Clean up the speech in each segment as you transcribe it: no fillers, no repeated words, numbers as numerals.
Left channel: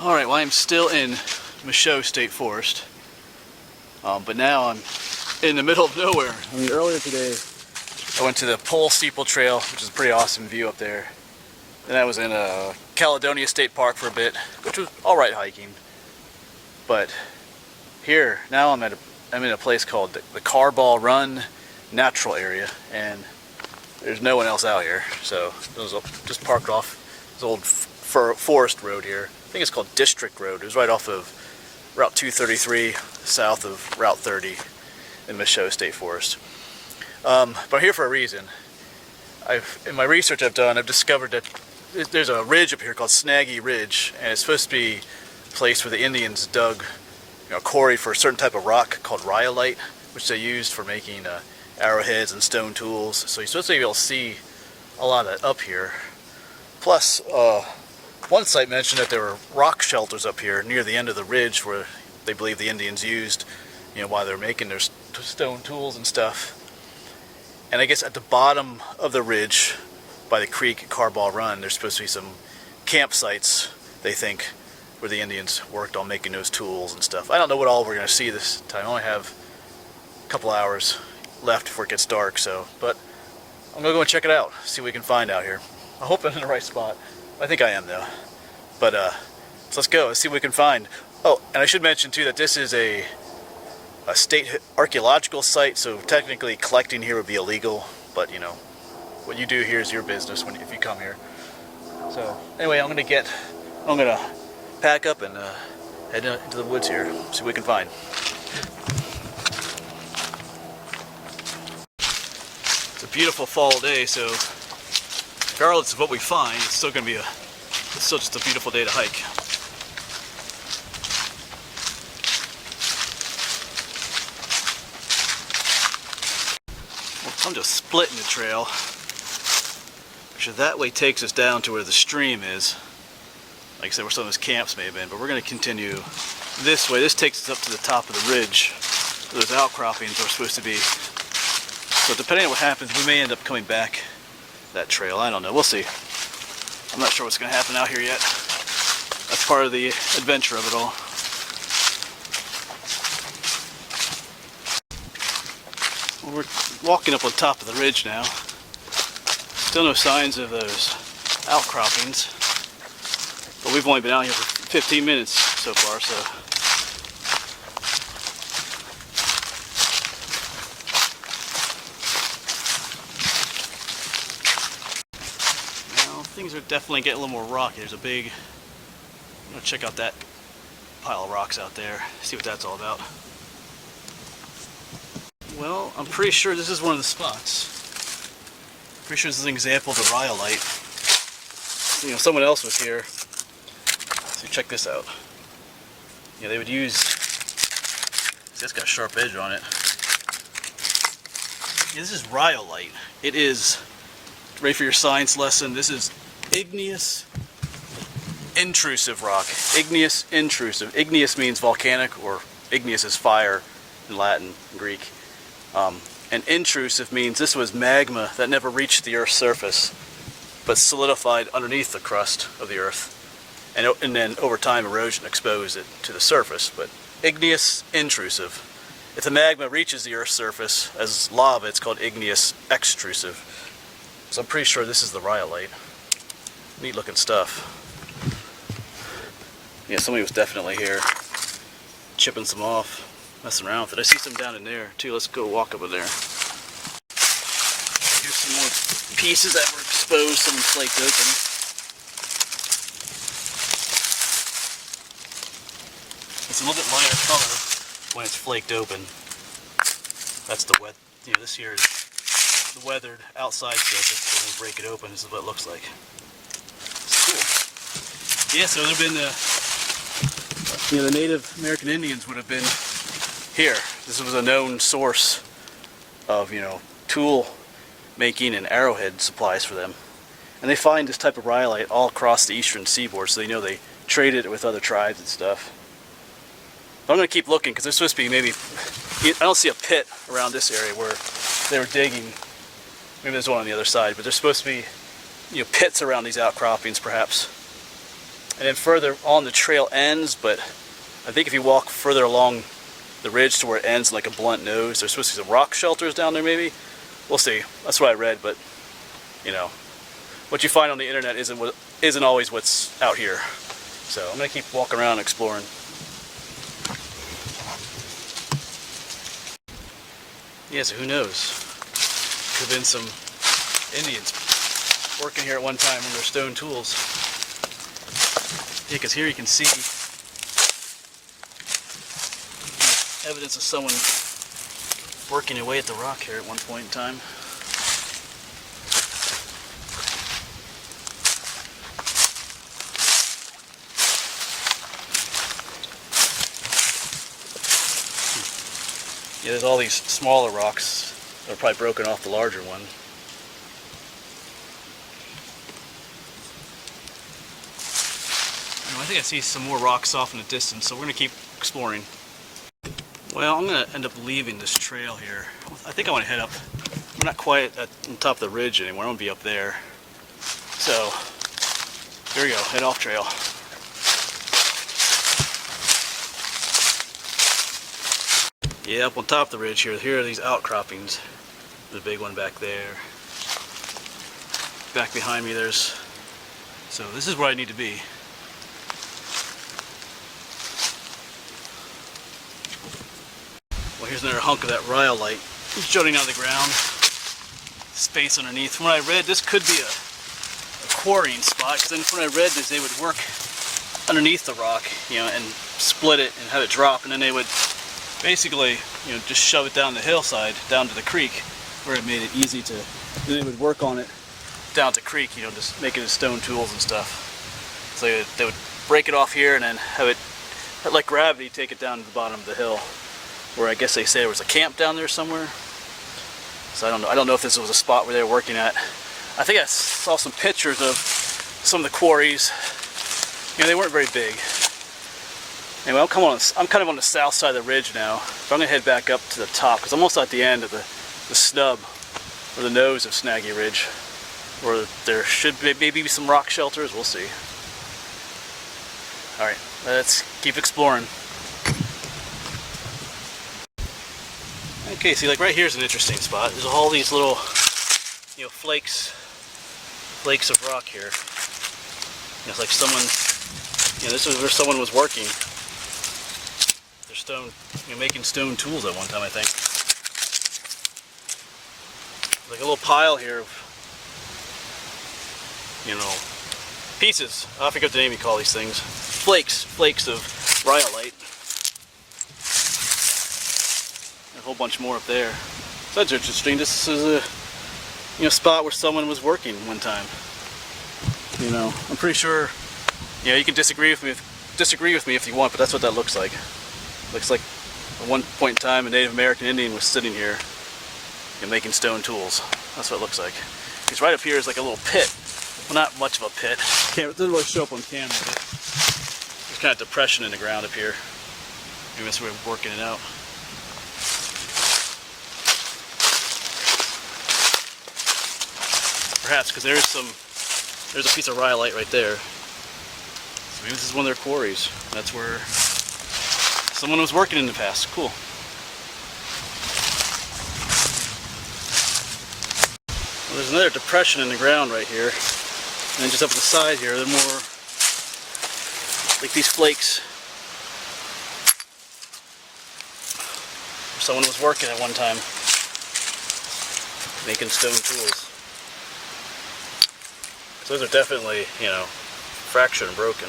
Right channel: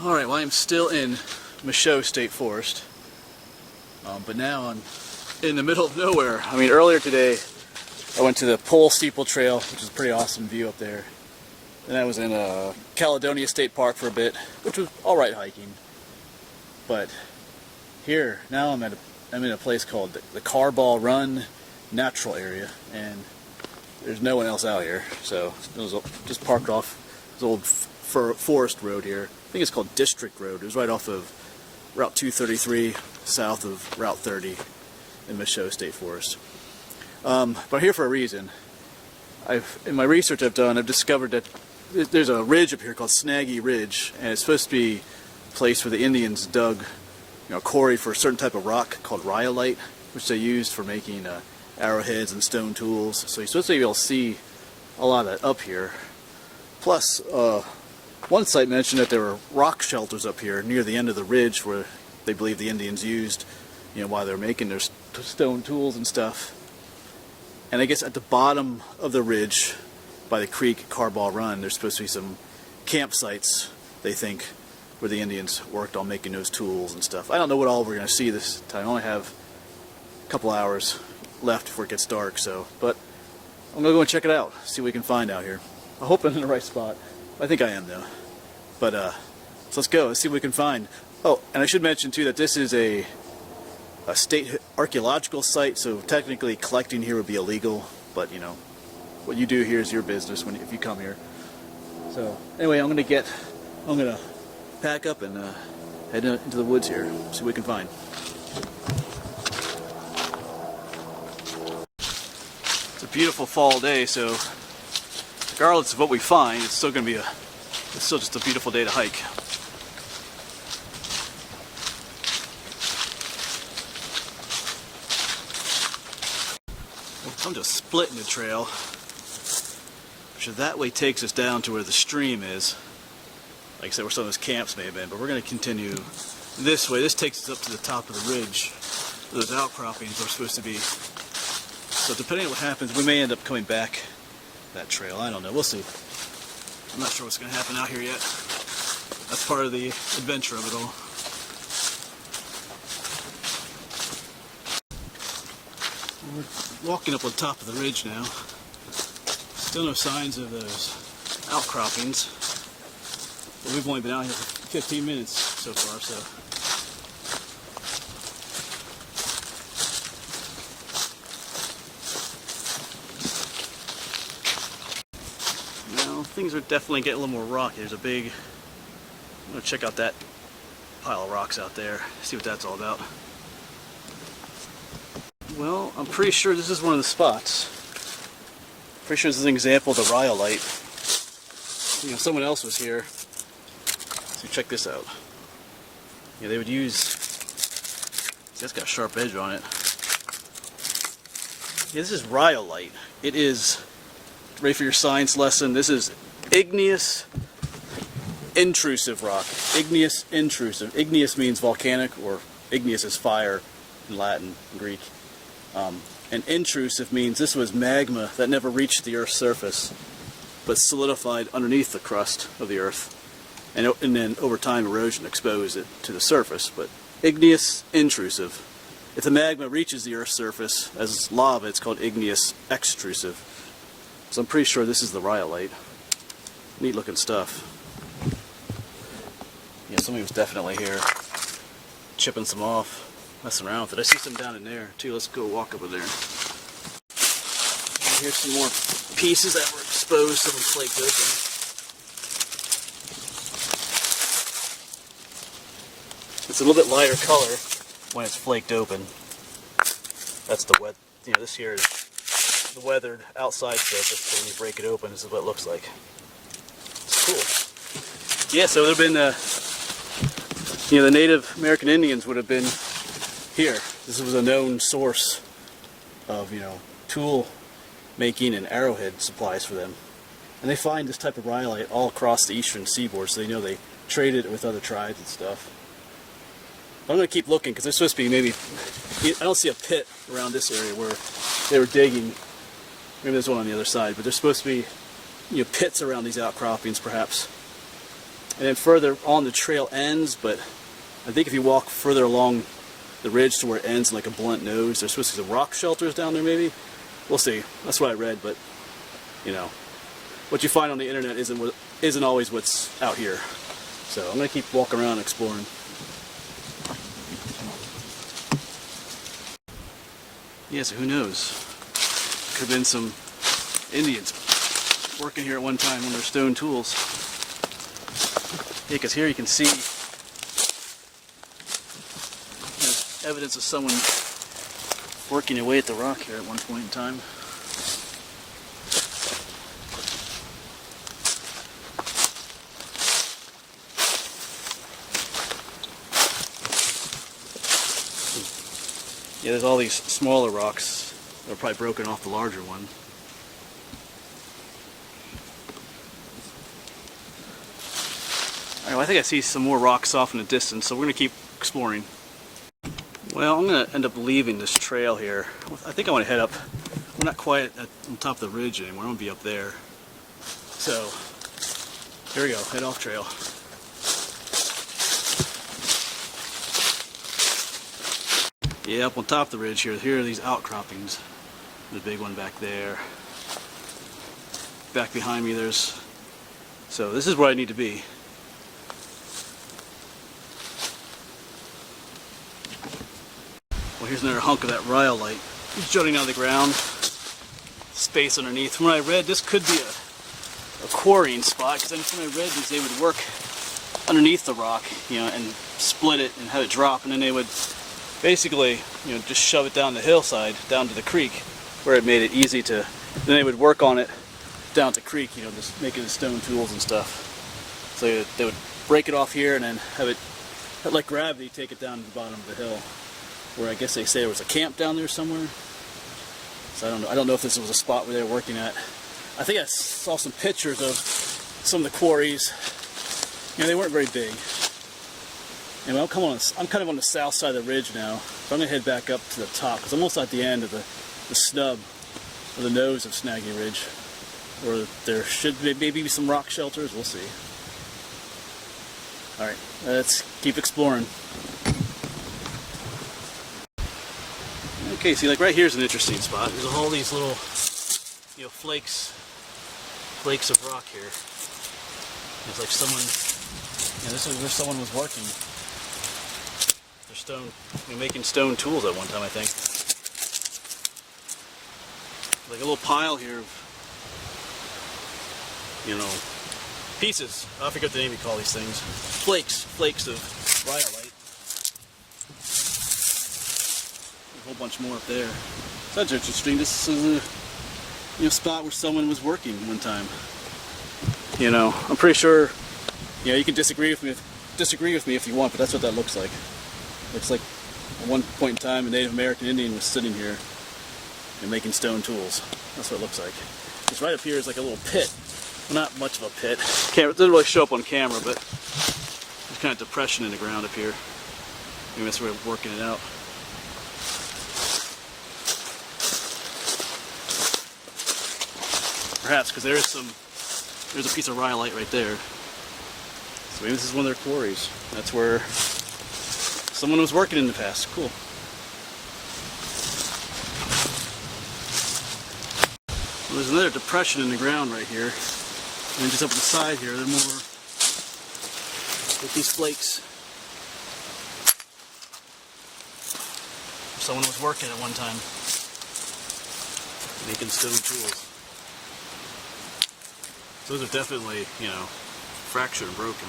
Alright, well I'm still in Michaud State Forest, but now I'm in the middle of nowhere. I mean, earlier today I went to the Pole Steeple Trail, which is a pretty awesome view up there. Then I was in Caledonia State Park for a bit, which was alright hiking. But here, now I'm in a place called the Carbaugh Run Natural Area, and there's no one else out here. So I was just parked off this old forest road here. I think it's called District Road. It was right off of Route 233, south of Route 30 in Michaud State Forest. But I'm here for a reason. In my research I've done, I've discovered that there's a ridge up here called Snaggy Ridge, and it's supposed to be a place where the Indians dug, quarry for a certain type of rock called rhyolite, which they used for making arrowheads and stone tools. So you're supposed to be able to see a lot of that up here. Plus, one site mentioned that there were rock shelters up here near the end of the ridge where they believe the Indians used, while they were making their stone tools and stuff. And I guess at the bottom of the ridge by the creek Carbaugh Run, there's supposed to be some campsites, they think, where the Indians worked on making those tools and stuff. I don't know what all we're going to see this time. I only have a couple hours left before it gets dark, but I'm going to go and check it out, see what we can find out here. I hope I'm in the right spot. I think I am, though. But so let's go. Let's see what we can find. Oh, and I should mention too that this is a state archaeological site, so technically collecting here would be illegal. But what you do here is your business if you come here. So anyway, I'm gonna pack up and head into the woods here. See what we can find. It's a beautiful fall day, so regardless of what we find, it's still just a beautiful day to hike. Well, I'm just splitting the trail, which that way takes us down to where the stream is. Like I said, where some of those camps may have been, but we're going to continue this way. This takes us up to the top of the ridge where those outcroppings are supposed to be. So depending on what happens, we may end up coming back that trail. I don't know. We'll see. I'm not sure what's going to happen out here yet. That's part of the adventure of it all. Well, we're walking up on top of the ridge now. Still no signs of those outcroppings. But we've only been out here for 15 minutes so far, so. Now, things are definitely getting a little more rocky. There's a big, I'm gonna check out that pile of rocks out there, see what that's all about. Well, I'm pretty sure this is one of the spots. Pretty sure this is an example of the rhyolite. Someone else was here. So check this out. They would use, see, that's got a sharp edge on it. This is rhyolite. It is, ready for your science lesson, this is igneous intrusive rock. Igneous intrusive. Igneous means volcanic, or igneous is fire in Latin and Greek. And intrusive means this was magma that never reached the Earth's surface, but solidified underneath the crust of the Earth. And then over time erosion exposed it to the surface. But igneous intrusive. If the magma reaches the Earth's surface as lava, it's called igneous extrusive. So I'm pretty sure this is the rhyolite. Neat looking stuff. Yeah, somebody was definitely here chipping some off, messing around with it. I see some down in there too. Let's go walk up in there. Here's some more pieces that were exposed, some flaked open. It's a little bit lighter color when it's flaked open. That's the wet, this here is the weathered outside surface, so when you break it open, this is what it looks like. It's cool. Yeah, so there have been, the Native American Indians would have been here. This was a known source of, tool making and arrowhead supplies for them. And they find this type of rhyolite all across the eastern seaboard, so they traded it with other tribes and stuff. But I'm going to keep looking because there's supposed to be maybe, I don't see a pit around this area where they were digging. Maybe there's one on the other side, but there's supposed to be pits around these outcroppings perhaps. and then further on the trail ends, but I think if you walk further along the ridge to where it ends in like a blunt nose, there's supposed to be some rock shelters down there maybe. We'll see. That's what I read, but you know, what you find on the internet isn't always what's out here. So I'm gonna keep walking around exploring. Yeah, so who knows? Could have been some Indians working here at one time on their stone tools. Yeah, because here you can see, you know, evidence of someone working away at the rock here at one point in time. Yeah, there's all these smaller rocks that are probably broken off the larger one. Alright, well, I think I see some more rocks off in the distance, so we're going to keep exploring. Well, I'm going to end up leaving this trail here. I think I want to head up. We're not quite on top of the ridge anymore. I want to be up there. So, here we go. Head off trail. Yeah, up on top of the ridge here, here are these outcroppings. The big one back there. Back behind me there's... So this is where I need to be. Well, here's another hunk of that rhyolite jutting out of the ground. Space underneath. From what I read, this could be a quarrying spot, because then from what I read is they would work underneath the rock, you know, and split it and have it drop, and then they would basically, you know, just shove it down the hillside, down to the creek, where it made it easy to, then they would work on it down at the creek, you know, just make it as stone tools and stuff. So they would break it off here and then have it, like gravity, take it down to the bottom of the hill, where I guess they say there was a camp down there somewhere. So I don't know if this was a spot where they were working at. I think I saw some pictures of some of the quarries. You know, they weren't very big. Anyway, I'm kind of on the south side of the ridge now, so I'm going to head back up to the top, because I'm almost at the end of the snub, or the nose of Snaggy Ridge, where there should be maybe some rock shelters. We'll see. Alright, let's keep exploring. Okay, see, like right here's an interesting spot. There's all these little, you know, flakes of rock here. You know, it's like someone, you know, this is where someone was working. They're stone, you know, making stone tools at one time, I think. Like a little pile here of, you know, pieces. I forget the name you call these things. Flakes of rhyolite. A whole bunch more up there. So that's interesting. This is a, you know, spot where someone was working one time. You know, I'm pretty sure, you know, you can disagree with me if you want, but that's what that looks like. Looks like at one point in time a Native American Indian was sitting here, you know, making stone tools. That's what it looks like. Because right up here is like a little pit. Well, not much of a pit. It doesn't really show up on camera, but there's kind of depression in the ground up here. Maybe that's where we're working it out. Perhaps, because there's a piece of rhyolite right there. So maybe this is one of their quarries. That's where someone was working in the past. Cool. Well, there's another depression in the ground right here. And then just up on the side here, there are more like these flakes. Someone was working at one time, making stone tools. So those are definitely, you know, fractured and broken.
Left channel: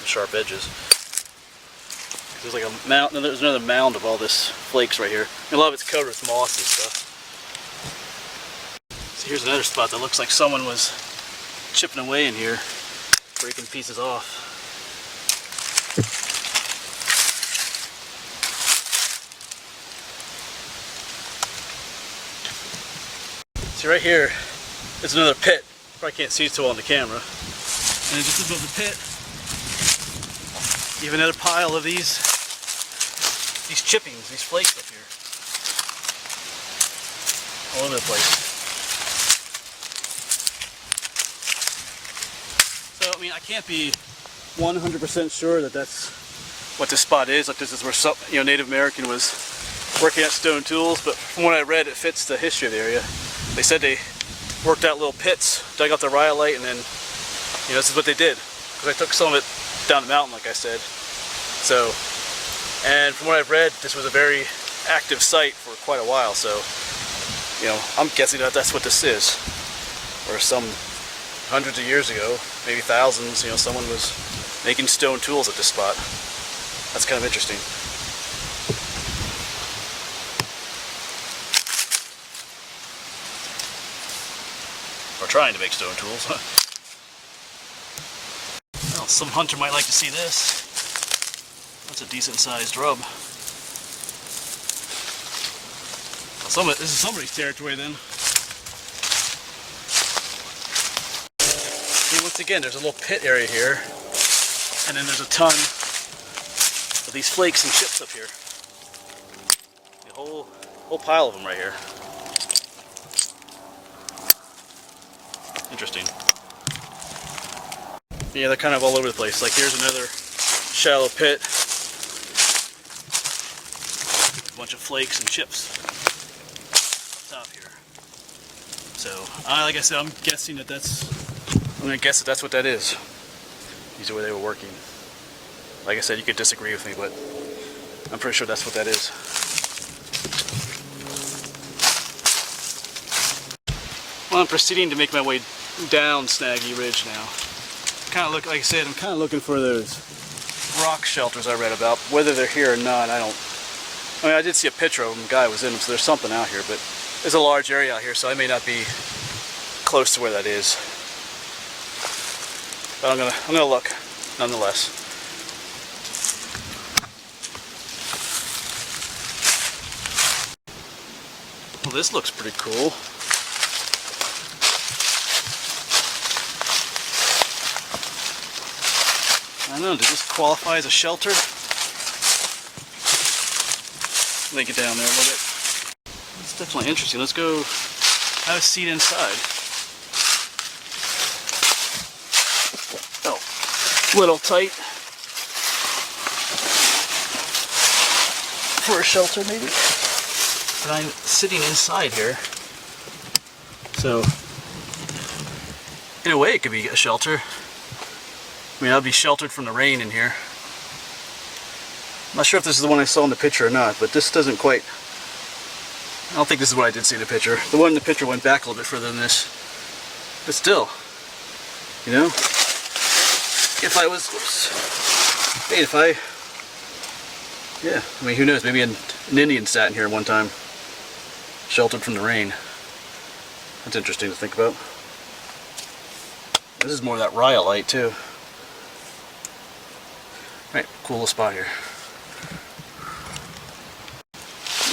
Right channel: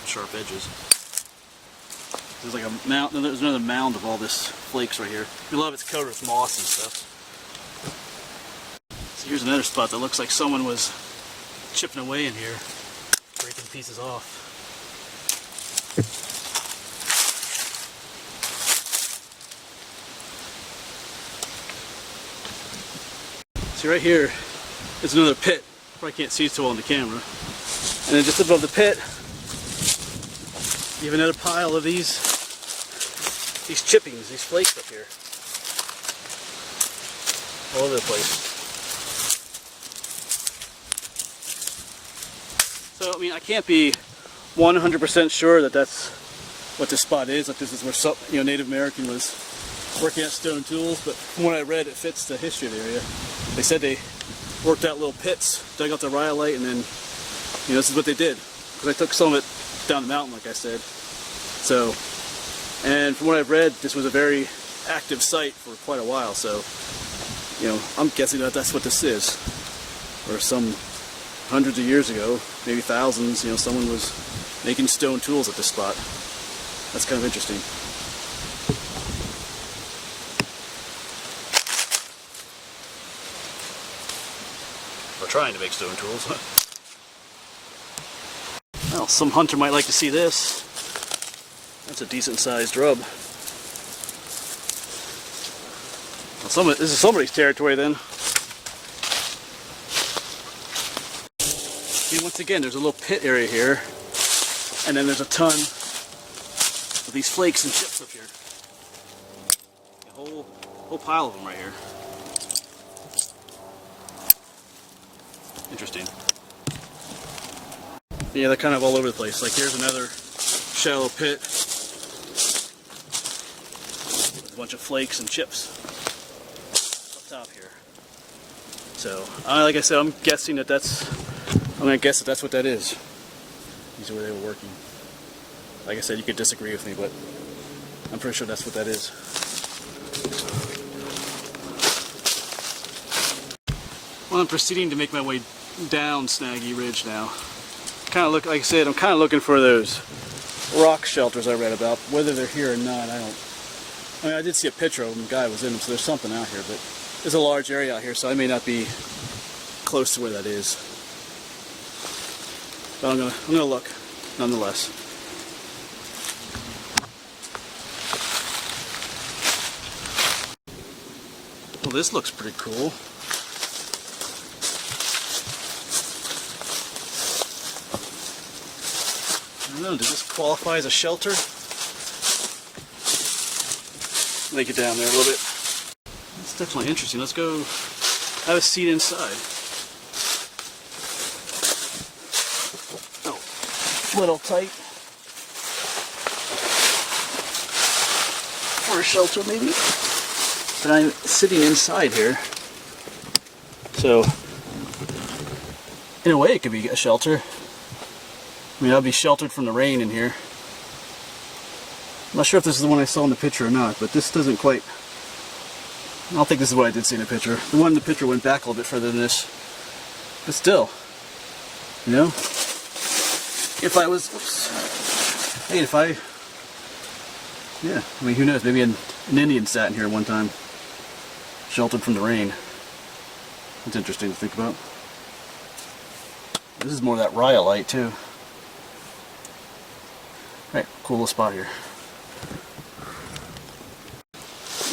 The sharp edges. There's like a mound, there's another mound of all this flakes right here. And a lot of it's covered with moss and stuff. So here's another spot that looks like someone was chipping away in here, breaking pieces off. See right here is another pit. Probably can't see it so well on the camera. And then just above the pit, you have another pile of these chippings, these flakes up here. All over the place. So So, I mean, I can't be 100% sure that that's what this spot is. Like, this is where some, Native American was working at stone tools. But from what I read, it fits the history of the area. They said they worked out little pits, dug out the rhyolite, and then, this is what they did. Because I took some of it down the mountain, like I said. So, and from what I've read, this was a very active site for quite a while. So, I'm guessing that that's what this is. Or some hundreds of years ago, maybe thousands, someone was making stone tools at this spot. That's kind of interesting. Or trying to make stone tools. Well, some hunter might like to see this. That's a decent sized rub. Well, this is somebody's territory then. See, once again, there's a little pit area here, and then there's a ton of these flakes and chips up here. A whole pile of them right here. Interesting. Yeah, they're kind of all over the place. Like, here's another shallow pit with a bunch of flakes and chips up top here. So, like I said, I'm gonna guess that that's what that is. These are where they were working. Like I said, you could disagree with me, but I'm pretty sure that's what that is. Well, I'm proceeding to make my way down Snaggy Ridge now. Like I said, I'm kind of looking for those rock shelters I read about. Whether they're here or not, I did see a picture of them. A guy was in them, so there's something out here. But there's a large area out here, so I may not be close to where that is. But I'm gonna look, nonetheless. Well, this looks pretty cool. I don't know, does this qualify as a shelter? Make it down there a little bit. It's definitely interesting. Let's go have a seat inside. Oh, a little tight. For a shelter, maybe? But I'm sitting inside here. So, in a way, it could be a shelter. I mean, I'll be sheltered from the rain in here. I'm not sure if this is the one I saw in the picture or not, but this doesn't quite... I don't think this is what I did see in the picture. The one in the picture went back a little bit further than this. But still, if I was... Oops. Hey, yeah, I mean, who knows? Maybe an Indian sat in here one time, sheltered from the rain. That's interesting to think about. This is more of that rhyolite, too. Right, cool little spot here.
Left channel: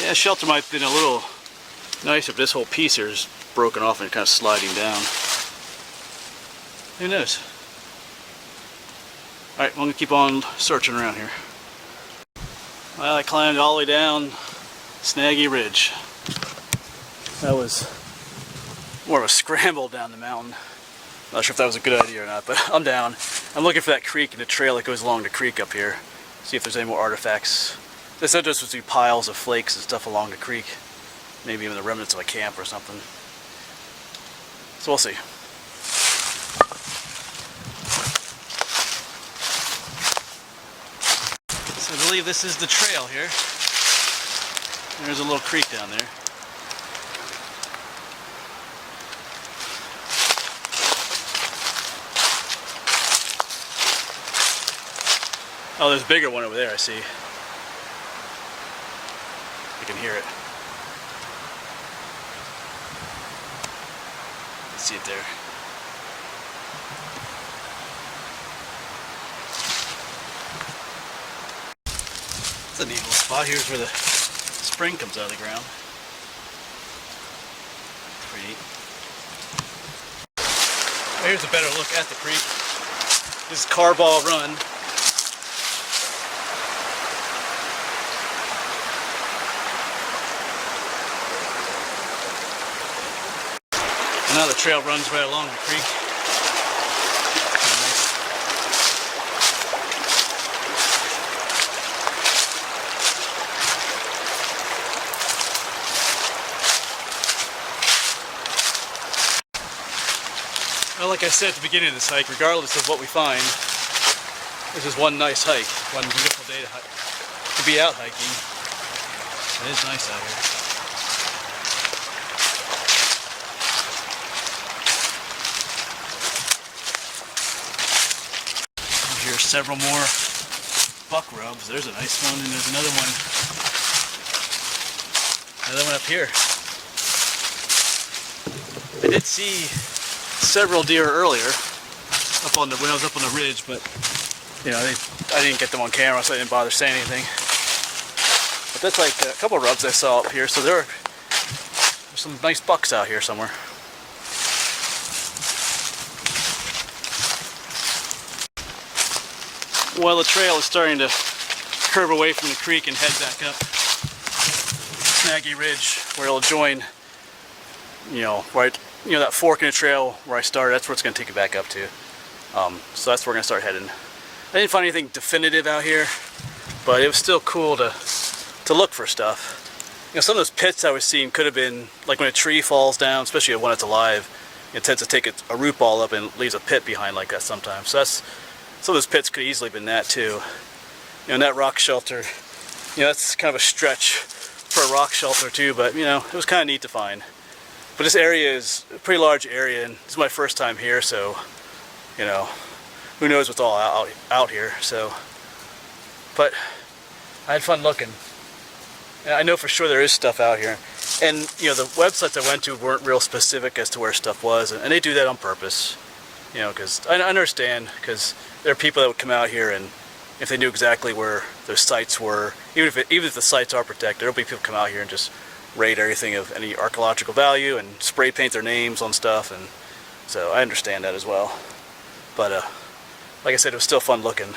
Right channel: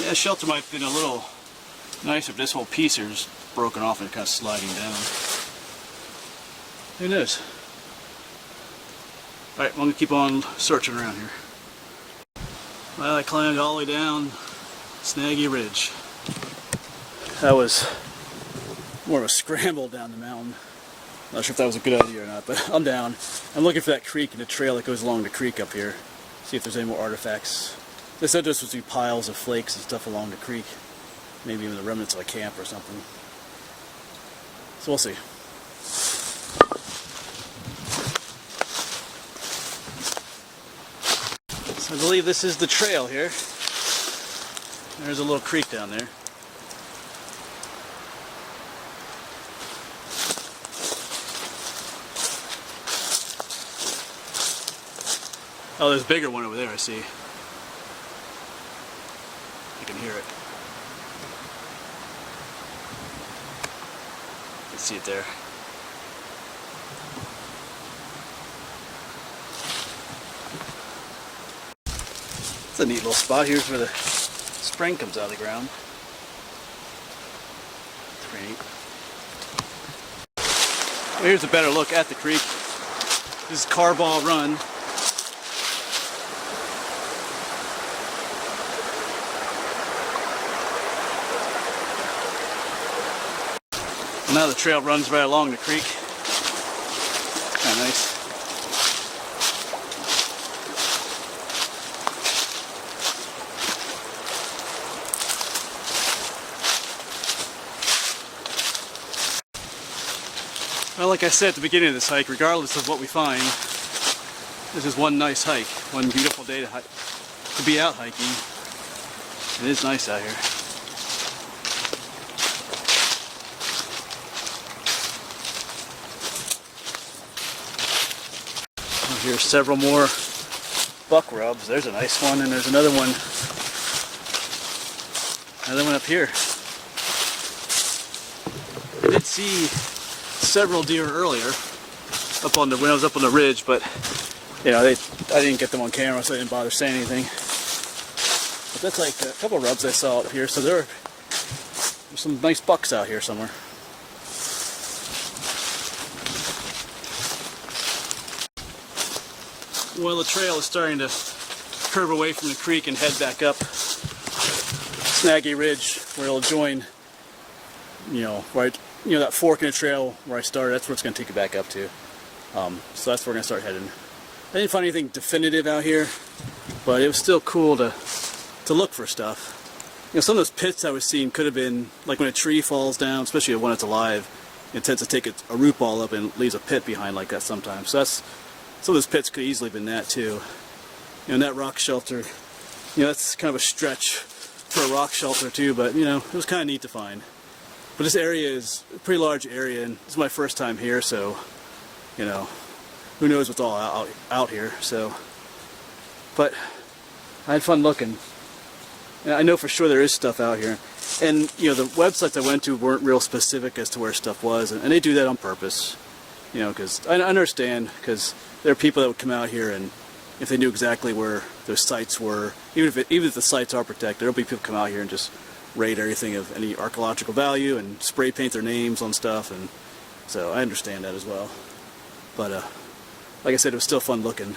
Yeah, shelter might have been a little nicer, but this whole piece here is broken off and kind of sliding down. Who knows? Alright, well, I'm going to keep on searching around here. Well, I climbed all the way down Snaggy Ridge. That was more of a scramble down the mountain. Not sure if that was a good idea or not, but I'm down. I'm looking for that creek and the trail that goes along the creek up here. See if there's any more artifacts. They said there was piles of flakes and stuff along the creek. Maybe even the remnants of a camp or something. So we'll see. So I believe this is the trail here. There's a little creek down there. Oh, there's a bigger one over there, I see. I can hear it. You can see it there. It's a neat little spot. Here's where the spring comes out of the ground. It's pretty neat. Well, here's a better look at the creek. This is Carbaugh Run. Now the trail runs right along the creek. Kind of nice. Well, like I said at the beginning of this hike, regardless of what we find, this is one nice hike, one beautiful day to be out hiking. It is nice out here. Here's several more buck rubs. There's a nice one, and there's another one up here. I did see several deer earlier when I was up on the ridge, but you know, I didn't get them on camera, so I didn't bother saying anything. But that's like a couple of rubs I saw up here, so there's some nice bucks out here somewhere. Well, the trail is starting to curve away from the creek and head back up Snaggy Ridge, where it'll join, that fork in the trail where I started. That's where it's going to take it back up to. So that's where we're going to start heading. I didn't find anything definitive out here, but it was still cool to look for stuff. Some of those pits I was seeing could have been, like when a tree falls down, especially when it's alive, it tends to take a root ball up and leaves a pit behind like that sometimes. So some of those pits could have easily been that too. And that rock shelter, that's kind of a stretch for a rock shelter too, but it was kind of neat to find. But this area is a pretty large area, and this is my first time here, so who knows what's all out here. So, but I had fun looking. And I know for sure there is stuff out here. And the websites I went to weren't real specific as to where stuff was, and they do that on purpose. Because I understand, because there are people that would come out here, and if they knew exactly where those sites were, even if the sites are protected, there'll be people come out here and just raid everything of any archaeological value and spray paint their names on stuff, and so I understand that as well. But like I said, it was still fun looking.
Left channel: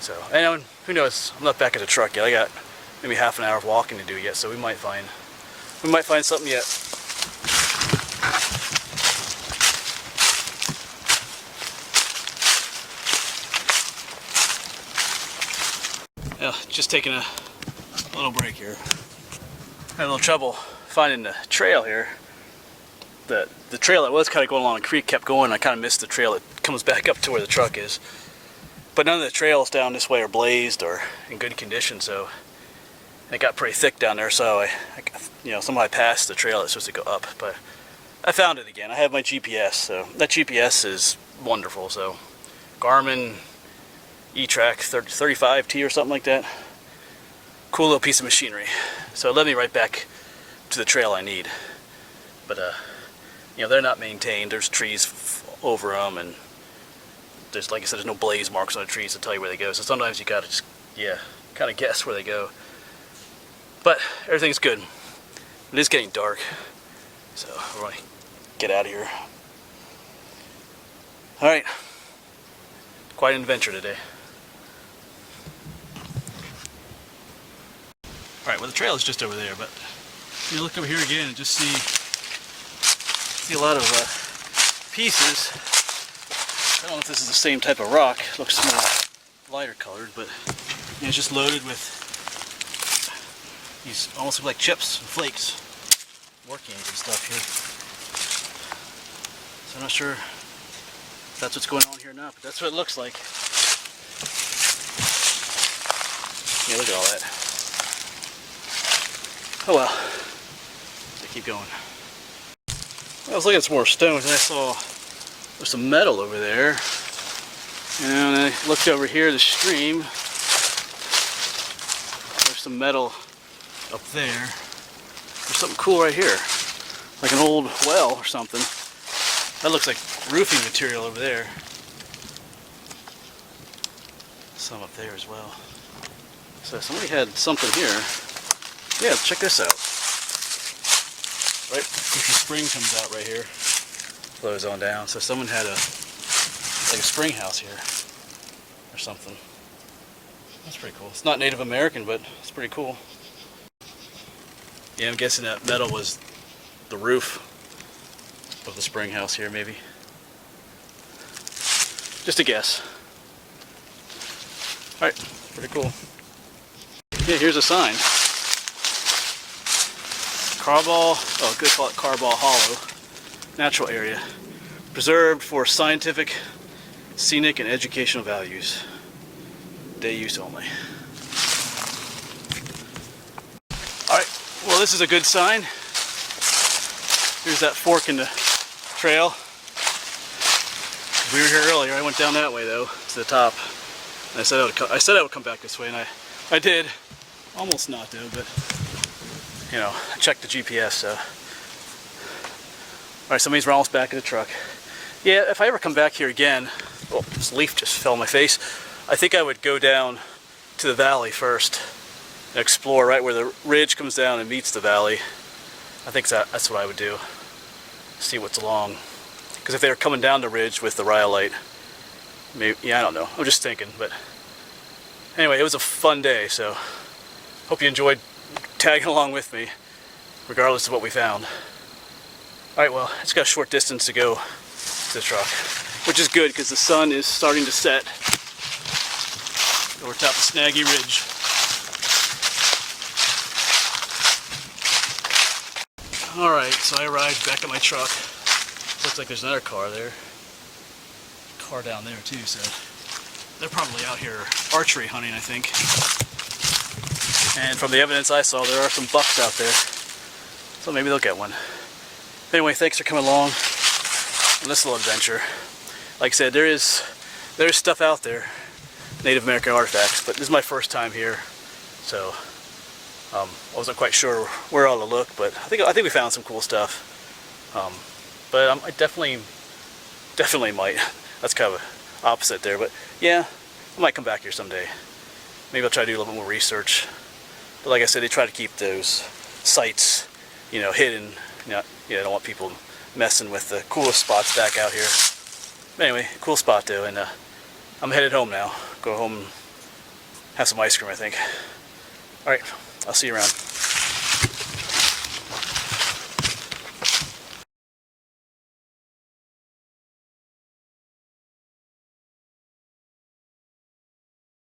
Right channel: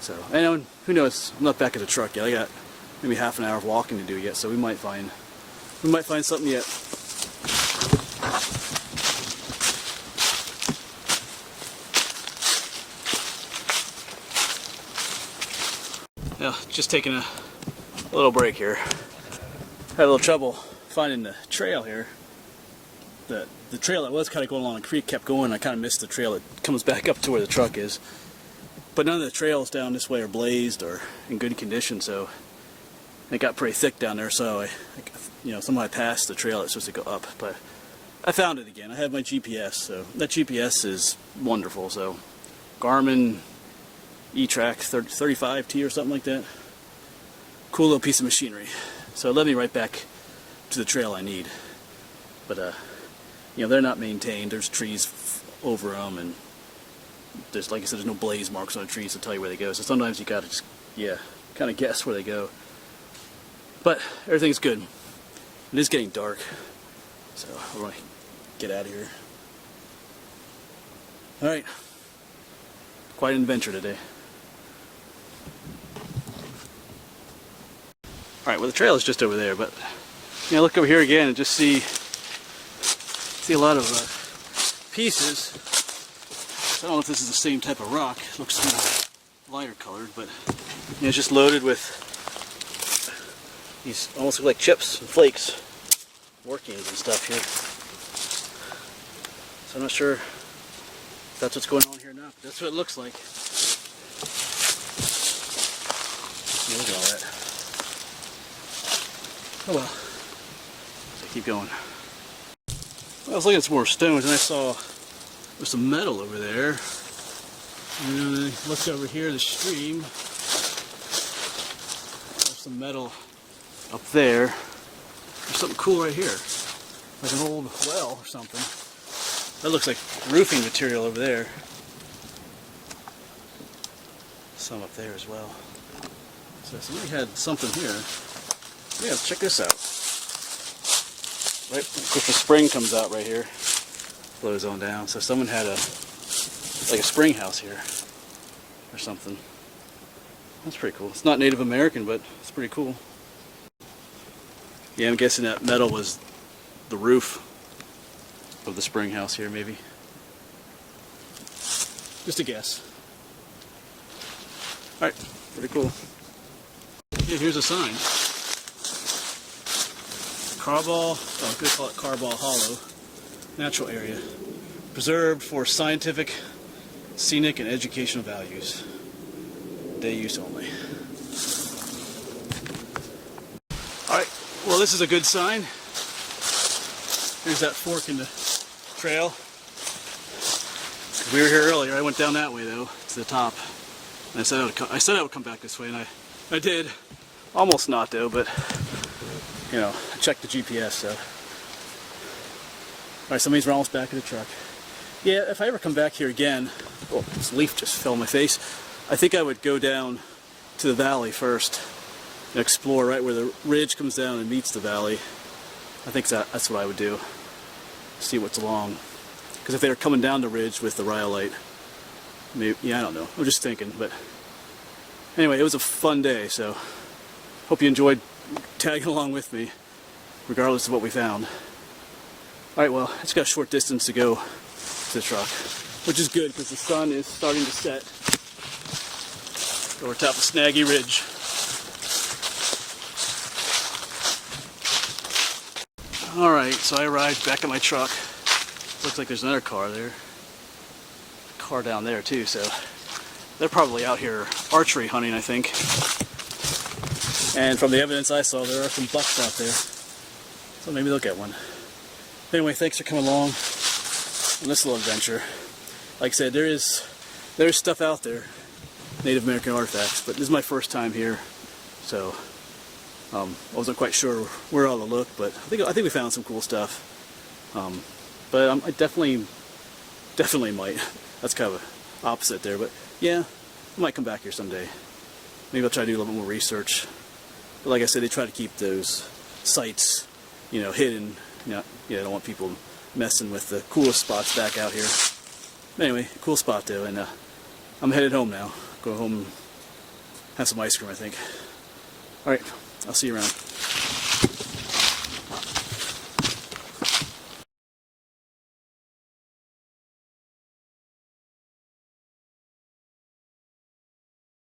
So, and who knows? I'm not back at the truck yet. I got maybe half an hour of walking to do yet, so we might find something yet. Yeah, just taking a little break here. Had a little trouble finding the trail here. The trail that was kind of going along the creek kept going. I kind of missed the trail that comes back up to where the truck is. But none of the trails down this way are blazed or in good condition, so it got pretty thick down there. So somehow I passed the trail that's supposed to go up, but I found it again. I have my GPS, so that GPS is wonderful. So Garmin E-Track 35T or something like that. Cool little piece of machinery. So it led me right back to the trail I need. But they're not maintained. There's trees over them, and there's, like I said, there's no blaze marks on the trees to tell you where they go. So sometimes you gotta just kind of guess where they go. But everything's good. It is getting dark, so we're gonna get out of here. All right, quite an adventure today. Alright, well the trail is just over there, but look over here again and just see a lot of pieces. I don't know if this is the same type of rock. It looks more lighter colored, but it's just loaded with these almost look like chips and flakes, workings and stuff here. So I'm not sure if that's what's going on here or not, but that's what it looks like. Yeah, look at all that. Oh well, I keep going. Well, I was looking at some more stones and I saw there's some metal over there. And I looked over here, the stream. There's some metal up there. There's something cool right here, like an old well or something. That looks like roofing material over there. Some up there as well. So somebody had something here. Yeah, check this out. Right, of course the spring comes out right here, flows on down. So someone had like a spring house here, or something. That's pretty cool. It's not Native American, but it's pretty cool. Yeah, I'm guessing that metal was the roof of the spring house here, maybe. Just a guess. Alright, pretty cool. Yeah, here's a sign. Carbaugh, oh, good, call it Carbaugh Hollow. Natural area. Preserved for scientific, scenic, and educational values. Day use only. Alright, well, this is a good sign. Here's that fork in the trail. We were here earlier. I went down that way though, to the top. And I said I would come back this way, and I did. Almost not though, but you know, I checked the GPS. So, all right, so that means we're almost back at the truck. Yeah, if I ever come back here again, oh, this leaf just fell on my face. I think I would go down to the valley first and explore right where the ridge comes down and meets the valley. I think that's what I would do. See what's along. Because if they were coming down the ridge with the rhyolite, maybe, yeah, I don't know. I'm just thinking, but anyway, it was a fun day, so hope you enjoyed tagging along with me, regardless of what we found. Alright, well, it's got a short distance to go to the truck, which is good because the sun is starting to set over top of Snaggy Ridge. Alright, so I arrived back at my truck. Looks like there's another car there. Car down there too, so they're probably out here archery hunting, I think. And from the evidence I saw, there are some bucks out there. So maybe they'll get one. Anyway, thanks for coming along on this little adventure. Like I said, there's stuff out there, Native American artifacts, but this is my first time here, so I wasn't quite sure where all to look, but I think we found some cool stuff. But I definitely might. That's kind of opposite there, but yeah, I might come back here someday. Maybe I'll try to do a little bit more research. But like I said, they try to keep those sites, you know, hidden. You know, yeah, I don't want people messing with the coolest spots back out here. But anyway, cool spot though, and I'm headed home now. Go home and have some ice cream, I think. Alright, I'll see you around.